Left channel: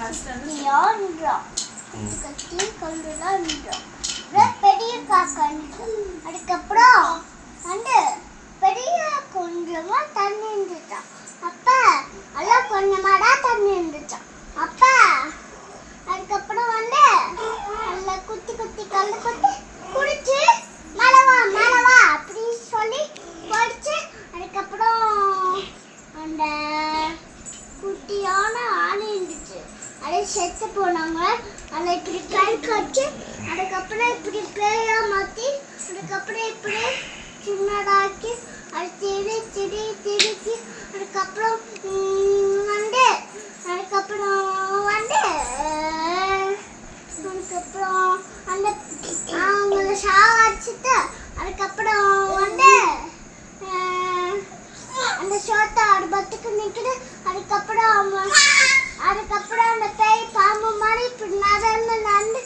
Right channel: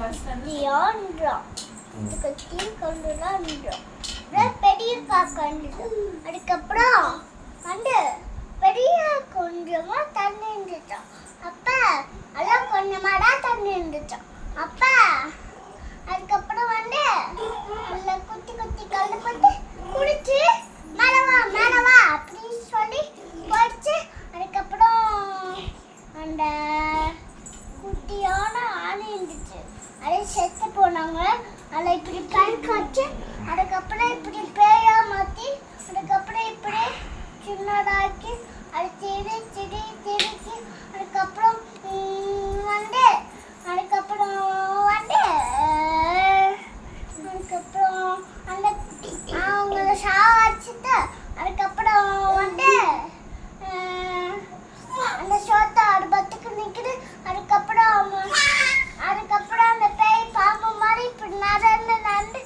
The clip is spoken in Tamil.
யான்றோம் கட்டி கொண்டுதான் பெரியப்பா கண்டு அதுக்கப்புறம் வந்து பெரிய கொஞ்சமா தண்ணி இருந்துச்சான். அப்ப எல்லாம் கொஞ்சமாடா தண்ணி இருந்துச்சான். அப்ப அதுக்கப்புறம் வந்து நல்ல குத்தி குத்தி கல்லு குத்தி குடிச்சு மரவா மரவா அப்படின்னு சொல்லி போயிடுச்சு. அதுக்கப்புறம் அந்த குட்டியான ஆணி இருந்துச்சு. அதை செத்து போனாங்க. அதை இப்படி கண் காய்ச்சி அதுக்கப்புறம் இப்படி பேயா மாற்றி அதுக்கப்புறம் இப்படி சின்னதாக்கி அது திரி திரி திரிச்சு அதுக்கப்புறம் வந்து அதுக்கப்புறம் வந்து அதுக்கப்புறம் அந்த அவங்கள சாவடிச்சுட்டு அதுக்கப்புறம் வந்து அந்த சோத்தை அடுப்பத்துக்கு நிற்குது. அதுக்கப்புறம் அந்த பேய் பாம்பு மாதிரி இப்படி நடந்து நடந்து